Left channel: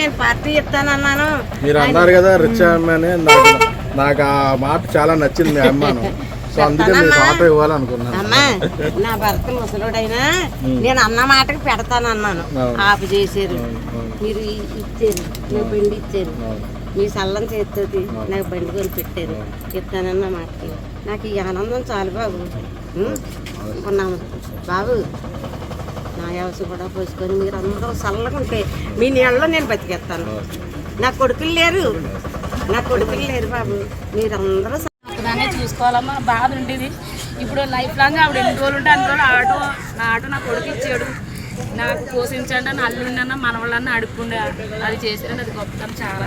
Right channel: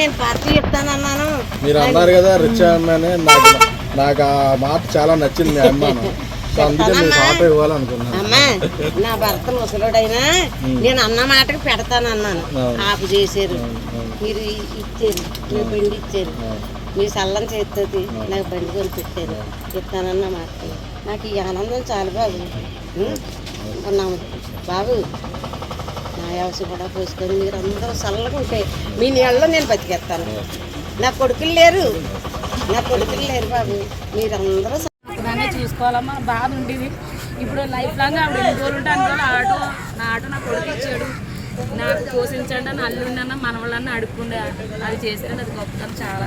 నేను పార్టీ చెప్తానన్నాను. మీరు అన్నారు కదా రిచ్ అమ్మాయి, నాకు ఆ మాట చాలా నచ్చింది మీ అమ్మాను. సో అందుకే మీకు ఆటో ఇవ్వాలనుకున్నాను. నా భర్త ముసలుడైనా నేను అన్న మాటకి పెడతానన్నాను. ఆపు చేశారు, మీరు ఇచ్చారు, మీ బండి ఇచ్చారు, మీ సల్లం చేతితోటి నాకు బండి కొని పెట్టారు. చెప్తానన్న మాట నాకు ఈ ఆనందం చాలు బాబు. ఉన్నాను బాబు, నా వ్యవసాయం కూడా పోసుకొని మీరు అందరూ చల్లగా ఉంటే మీ నీళ్ళలో నేను బతికేస్తాను. నా కొడుకులు లేరు బాబు, మీరందరూ చూసుకోవాలమ్మా. బాధ ఉండేది. ఇప్పుడు లైఫ్ లాంగ్ ఆవిడ ఎన్ని రోజులు ఉంటే అన్ని రోజులు నా ఆటో నా కొడుకు ఇచ్చాడు. నాకు పోషించండి అని అల్లుండన్నా మనవాళ్ళన్నా అడుక్కుండే. అది చేశారని అది గొప్పతనం చాలా.